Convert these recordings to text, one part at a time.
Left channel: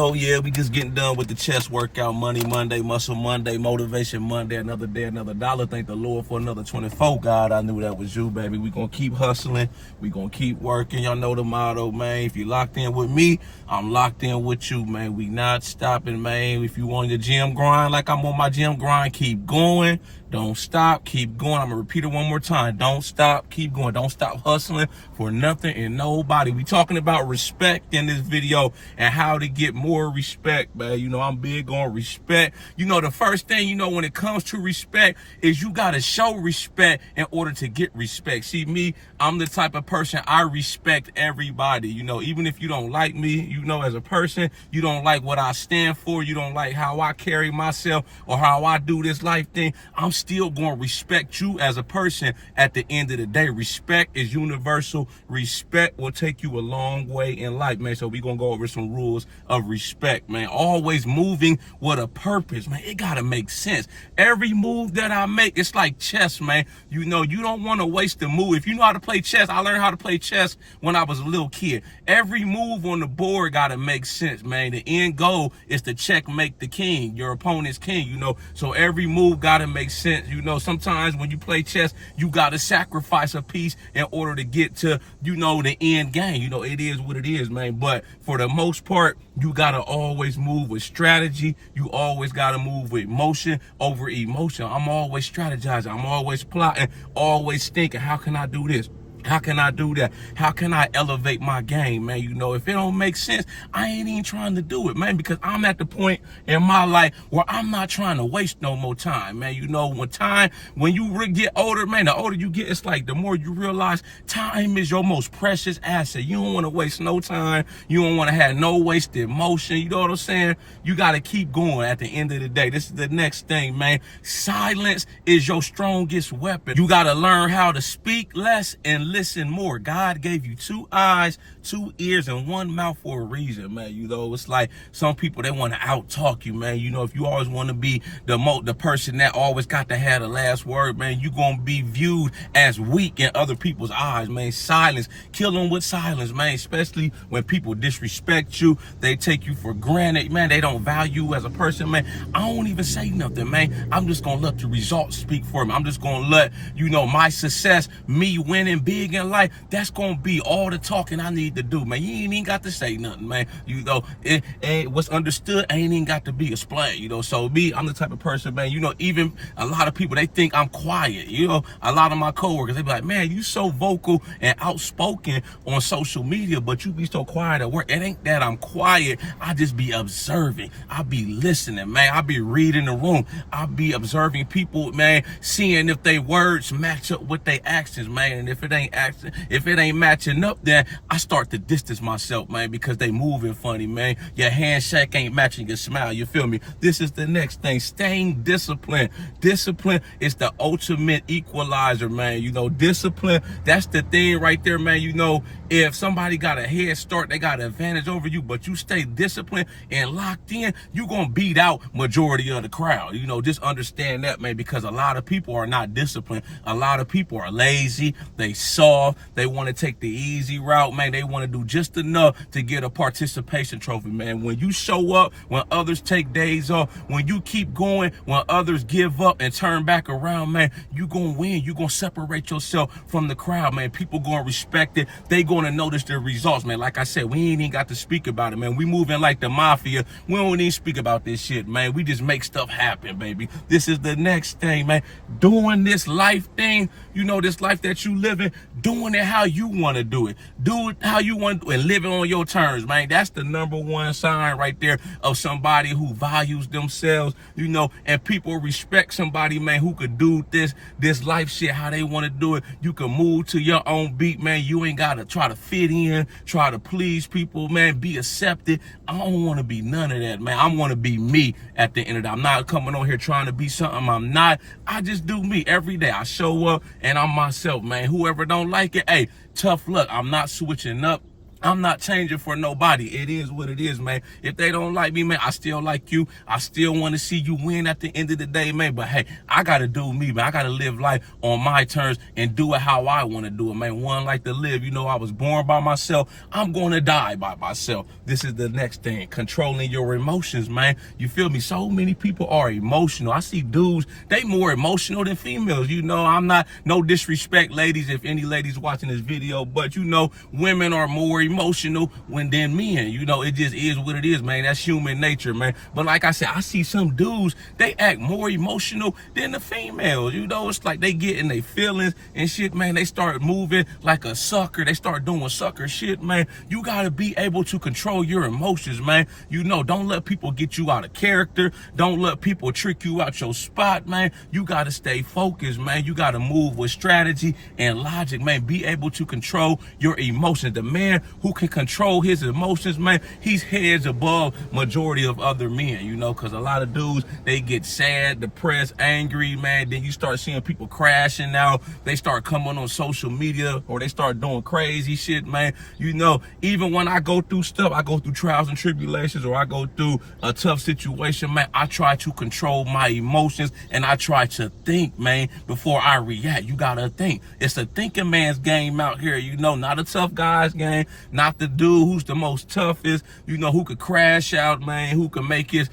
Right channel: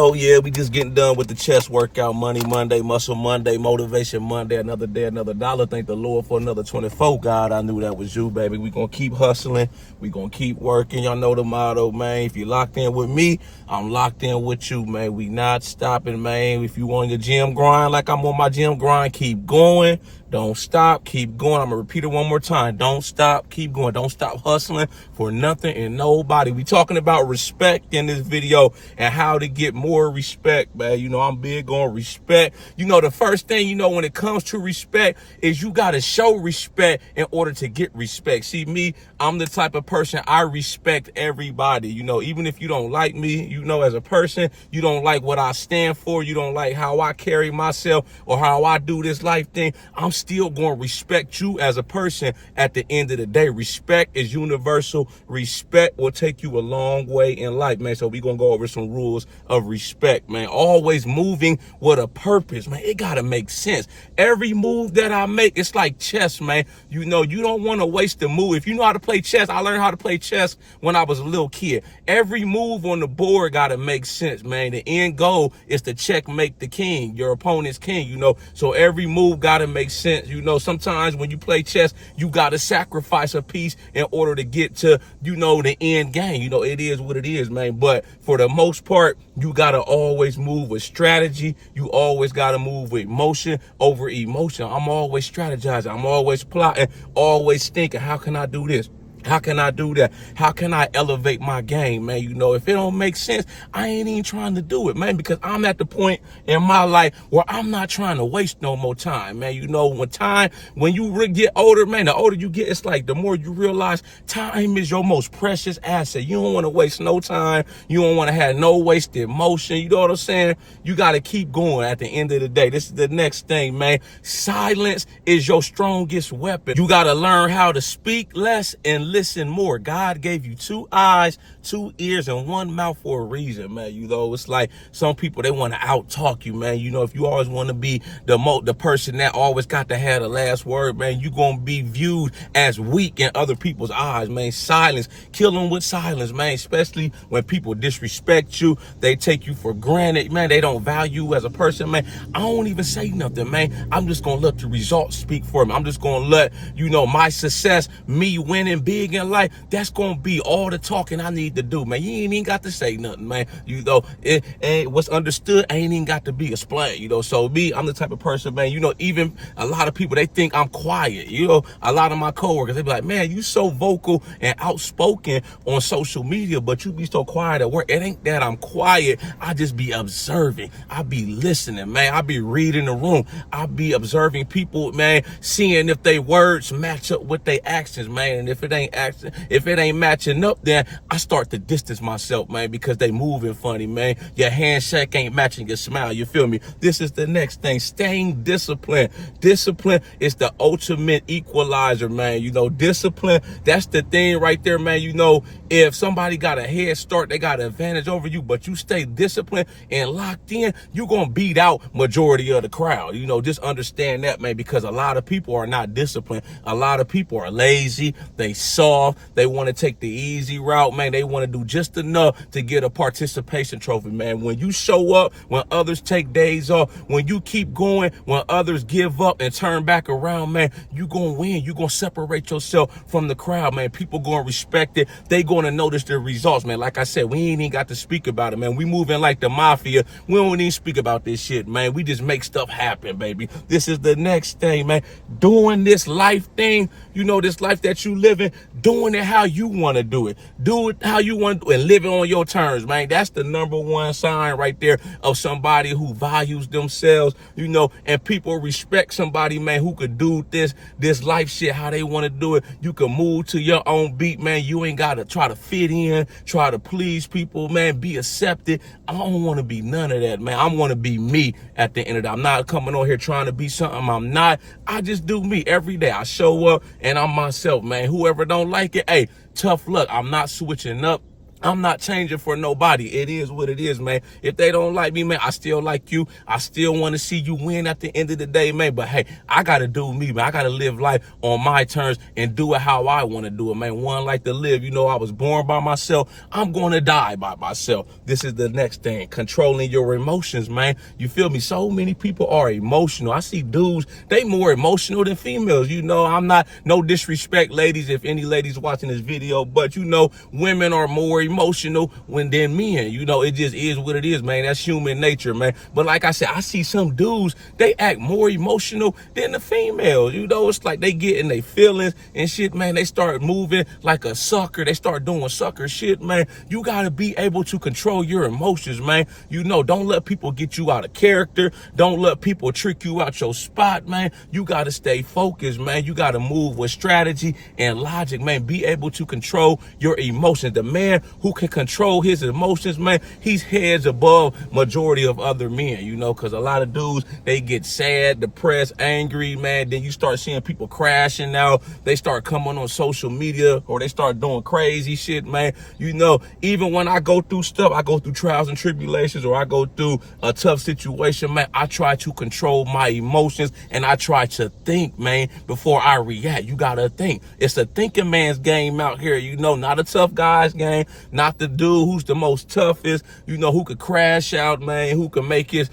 Oh yeah, we just getting done with the chest workout. Money Monday, Muscle Monday, Motivation Monday. Another day, another dollar. Thank the Lord for another 24. God, I knew that was you, baby. We gonna keep hustling. We gonna keep working. Y'all know the motto, man. If you locked in with me, I'm locked in with you, man. We not stopping, man. If you on your gym grind like I'm on my gym grind, keep going. Don't stop, keep going. I'm gonna repeat it one more time. Don't stop, keep going. Don't stop hustling for nothing and nobody. We talking about respect in this video and how to get more respect, man. You know, I'm big on respect. You know, the first thing, you know, when it comes to respect is you gotta show respect in order to get respect. See, me, I'm the type of person, I respect everybody. You know, even if you don't like me, you know, as a person, you don't like what I stand for, you don't like how I carry myself or how I do this life thing, I'm still going to respect you as a person at the end of the day. Respect is universal. Respect will take you a long way in life, man. So we're going to go over some rules of respect, man. Always moving with a purpose, man. It got to make sense. Every move that I make, it's like chess, man. You know, you don't want to waste a move. If you know how to play chess, I learned how to play chess when I was a little kid. Every move on the board got to make sense, man. The end goal is to checkmate the king, your opponent's king, you know. So every move got to make sense. You know, sometimes when you play chess, you got to sacrifice a piece in order to get to, you know, the end game. You know, it is what it is, man. But for the most part, you got to always move with strategy. You always got to move with motion over emotion. I'm always strategizing. I'm always plotting, always thinking, how can I do this? How can I do that? How can I elevate my game, man? You know, if it don't make sense, I ain't even trying to do it, man, because I'm at the point in my life where I'm not trying to waste no more time, man. You know, when you get older, man, the older you get, it's like the more you realize time is your most precious asset. You don't want to waste no time. You don't want to have no wasted motion. You know what I'm saying? You got to keep going at the end of the day. This is the next thing, man. Silence is your strongest weapon. You got to learn how to speak less and listen more. God gave you 2 eyes, 2 ears, and 1 mouth for a reason, man. You know, it's like some people, they want to out talk you, man. You know, if you always want to be the person that always got to have the last word, man, you gonna be viewed as weak in other people's eyes, man. Silence, kill them with silence, man. Especially when people disrespect you, they take you for granted, man. They don't value you as a person, man. I don't even say nothing, man. I'm just gonna let the results speak for me. I'm just gonna let, you know, my success, me winning big in life, that's gonna be all the talking I need to do, man. You ain't even got to say nothing, man. You know, it ain't what's understood ain't even got to be explained, you know. So me, I'm the type of person, man, you know, even a lot of people, they think I'm quiet. You know, a lot of my coworkers, they be like, man, you so vocal and outspoken on social media, but you be so quiet at work. It ain't that I'm quiet. I just be observing. I be listening, man. I be reading the room. I be observing people, man, seeing if they words match up with their actions, man. And if it ain't matching up, then I start to distance myself, man, because they moving funny, man. Your handshake ain't matching your smile. You feel me? This is the next thing. Staying disciplined. Discipline is the ultimate equalizer, man. You know, discipline, that's the thing right there, man. You know, if somebody got a head start, they got an advantage over you, but you stay disciplined and locked in, you gonna beat out majority of the crowd. You know, just understand that, man, because a lot of people are not disciplined. A lot of people are lazy. They soft. They want to take the easy route, man. They want to do just enough to get a participation trophy, man. When you show up, when others take days off, when you keep going, when others give up and turn back around, man, you gonna win. You gonna separate yourself from the crowd, man. People gonna respect it. They gonna notice the results, man. Like I said, we ain't even got to speak about it, man. We moving like the mafia. We don't even speak about this shit, man. We just make stuff happen, baby. This is the next thing, man. Doing this life thing, you know, this life that you living, doing it how you want to do it. Do it how you want to do it and live it on your terms, man. That's the #1 sign right there of somebody who values themselves, you know, and people respect somebody, man, who could do this life shit how they want to do it. You can move to your own beat, man. You ain't got to try to fit in, try to please people, man. Be accepted. I don't want to be none of that, man. I want to be me at the end of the day. I'm not coming on here trying to be something I'm not. I just do me every day. I show up and I'm myself, man. Whoever don't like it, hey, tough luck. I'm not switching up. I'm not changing for nobody. It is what it is, man. If they don't like me, man, I still like you. I still want to see you win at the end of the day, man. But hey, I got to do me, man. I got to live life on my terms and do it how I want to do it, man. One like to live. You know, I was born by myself. I'm going to die by myself. This is the next thing. Controlling your emotions, man. You feel me? So many people are emotional. I see dudes, they more emotional than females. You know, I'm not, no disrespect, ladies, if any ladies watching this video, but you know, women are more emotional than men. You know, it just is what it is, man. That's human nature, man. But like I said, I see some dudes, they act more emotional than the females. You know, it's like they get in their feelings and shit, man. They start moving like a sucker. They start doing sucker shit, man. You gotta be able to control your emotions, man. You know, don't let people get you out of character. Don't let people trick you out your spot, man. You gotta stay focused, man. You gotta move with strategy and logic, man. Be able to control your emotions. The man who can control his emotions, man, he's heads above majority of other men, you know, because a lot of dudes, they get sad, depressed, angry, man. Then you start seeing people crashing out. They start coming on social media or they start doing crazy shit, man. You know, even when I go through stuff, I go through trials and tribulations or I go through a tough situation, man, I try to control my emotions and I try to think, man, before I react. You gotta think. It's a thinking man's game out here, you know, not a tough guy's game, not the dude who's the most toughest, you know, who could crash out, man, who can make his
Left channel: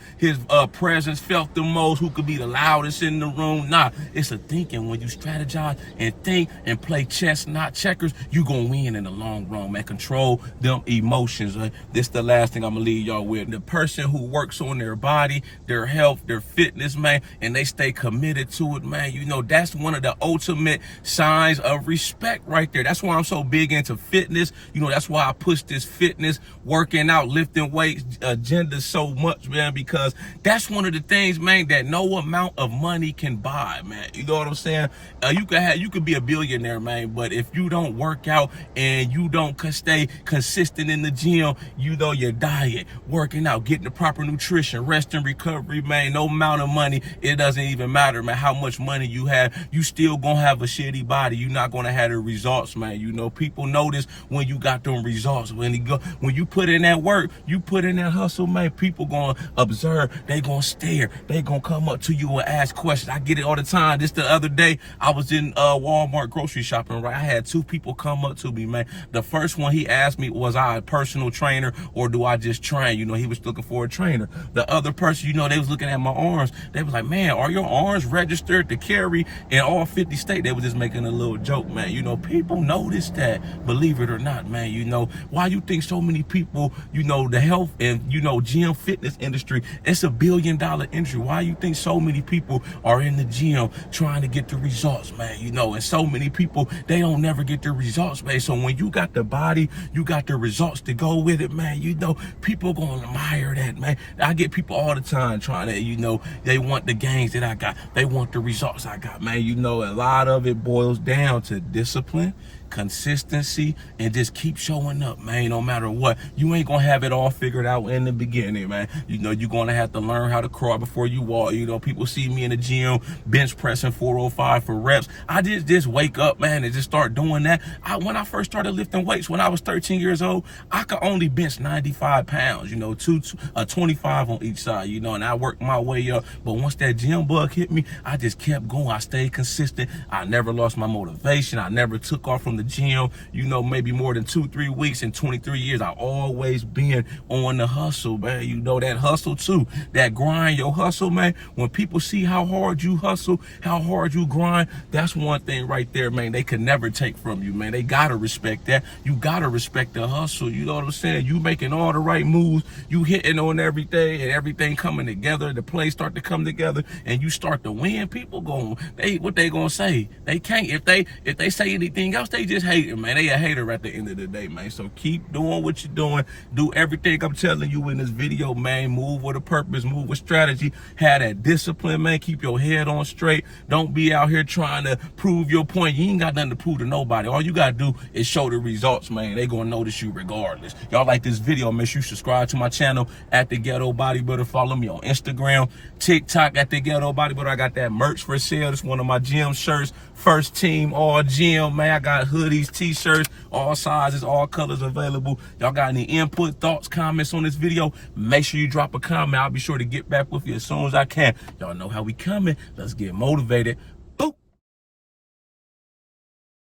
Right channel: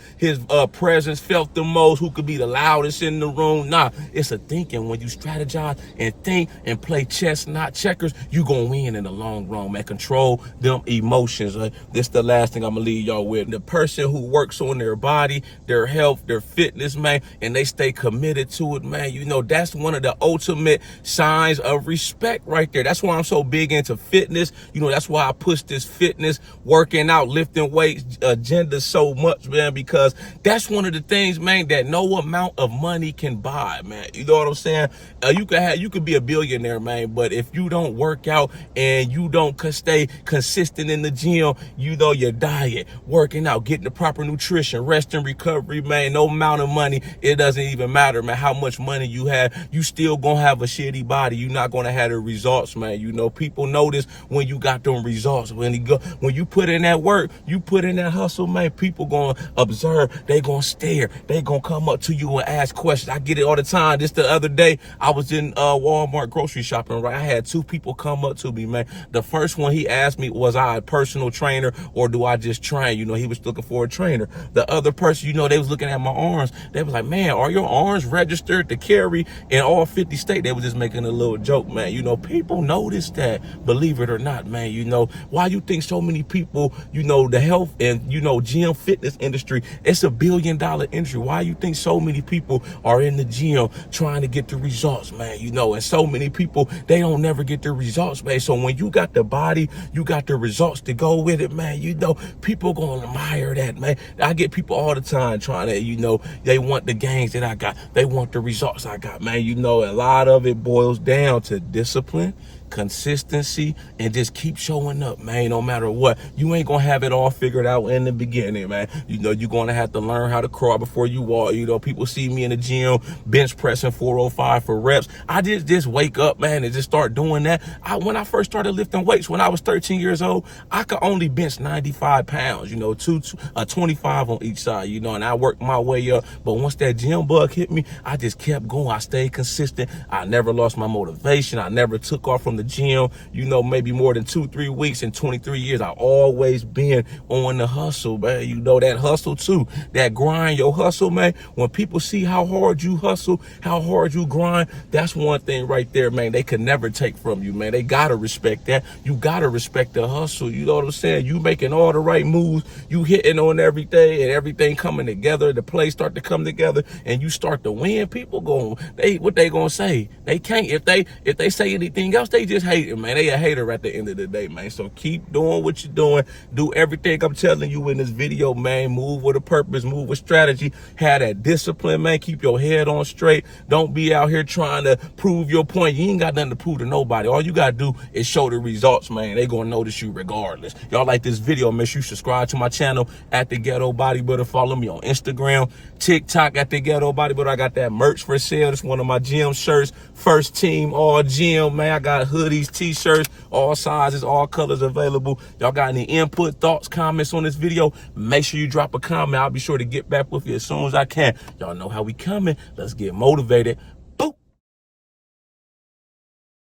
presence felt the most, who could be the loudest in the room. Nah, it's a thinking. When you strategize and think and play chess, not checkers, you gonna win in the long run, man. Control them emotions. This the last thing I'm gonna leave y'all with. The person who works on their body, their health, their fitness, man, and they stay committed to it, man, you know, that's one of the ultimate signs of respect right there. That's why I'm so big into fitness. You know, that's why I push this fitness, working out, lifting weights agenda so much, man, because that's one of the things, man, that no amount of money can buy, man. You know what I'm saying? You could be a billionaire, man, but if you don't work out and you don't stay consistent in the gym, you know, your diet, working out, getting the proper nutrition, rest and recovery, man, no amount of money, it doesn't even matter, man, how much money you have, you still gonna have a shitty body. You're not gonna have the results, man. You know, people notice when you got them results. When you put in that work, you put in that hustle, man, people gonna observe, they gonna stare, they gonna come up to you and ask questions. I get it all the time. Just the other day, I was in Walmart grocery shopping, right? I had two people come up to me, man. The first one, he asked me, was I a personal trainer or do I just train? You know, he was looking for a trainer. The other person, you know, they was looking at my arms. They was like, man, are your arms registered to carry in all 50 states? They was just making a little joke, man. You know, people notice that, believe it or not, man. You know, why you think so many people, you know, the health and, you know, gym fitness industry, it's $1 billion industry. Why you think so many people are in the gym trying to get the results, man? You know, and so many people, they don't never get the results, man. So when you got the body, you got the results to go with it, man, you know, people gonna admire that, man. I get people all the time trying to, you know, they want the gains that I got. They want the results I got, man. You know, a lot of it boils down to discipline, consistency, and just keep showing up, man. No matter what, you ain't gonna have it all figured out in the beginning, man. You know, you're gonna have to learn how to crawl before you walk. You know, people see me in the gym bench pressing 405 for reps. I just wake up, man, and just start doing that. When I first started lifting weights when I was 13 years old, I could only bench 95 pounds, you know, 25 on each side, you know, and I worked my way up. But once that gym bug hit me, I just kept going. I stayed consistent. I never lost my motivation. I never took off from the gym, you know, maybe more than 2-3 weeks. In 23 years, I always been on the hustle, man. You know, that hustle too, that grind, your hustle, man. When people see how hard you hustle, how hard you grind, that's one thing right there, man, they could never take from you, man. They gotta respect that. You gotta respect the hustle. You know what I'm saying? You making all the right moves, you hitting on everything and everything coming together, the plays start to come together and you start to win. People what they gonna say? They can't, if they say anything else, they just hating, man. They a hater at the end of the day, man. So keep doing what you're doing. Do everything I'm telling you in this video, man. Move with a purpose, move with strategy. Have that discipline, man. Keep your head on straight. Don't be out here trying to prove your point. You ain't got nothing to prove to nobody. All you gotta do is show the results, man. They gonna notice you regardless. Y'all like this video, make sure you subscribe to my channel at The Ghetto Bodybuilder. Follow me on Instagram, TikTok at The Ghetto Bodybuilder. I got that merch for sale. It's one of my gym shirts. First team all gym, man. I got hoodies, t-shirts, all sizes, all colors available. Y'all got any input, thoughts, comments on this video? Make sure you drop a comment. I'll be sure to get back with you as soon as I can. Y'all know how we coming. Let's get motivated.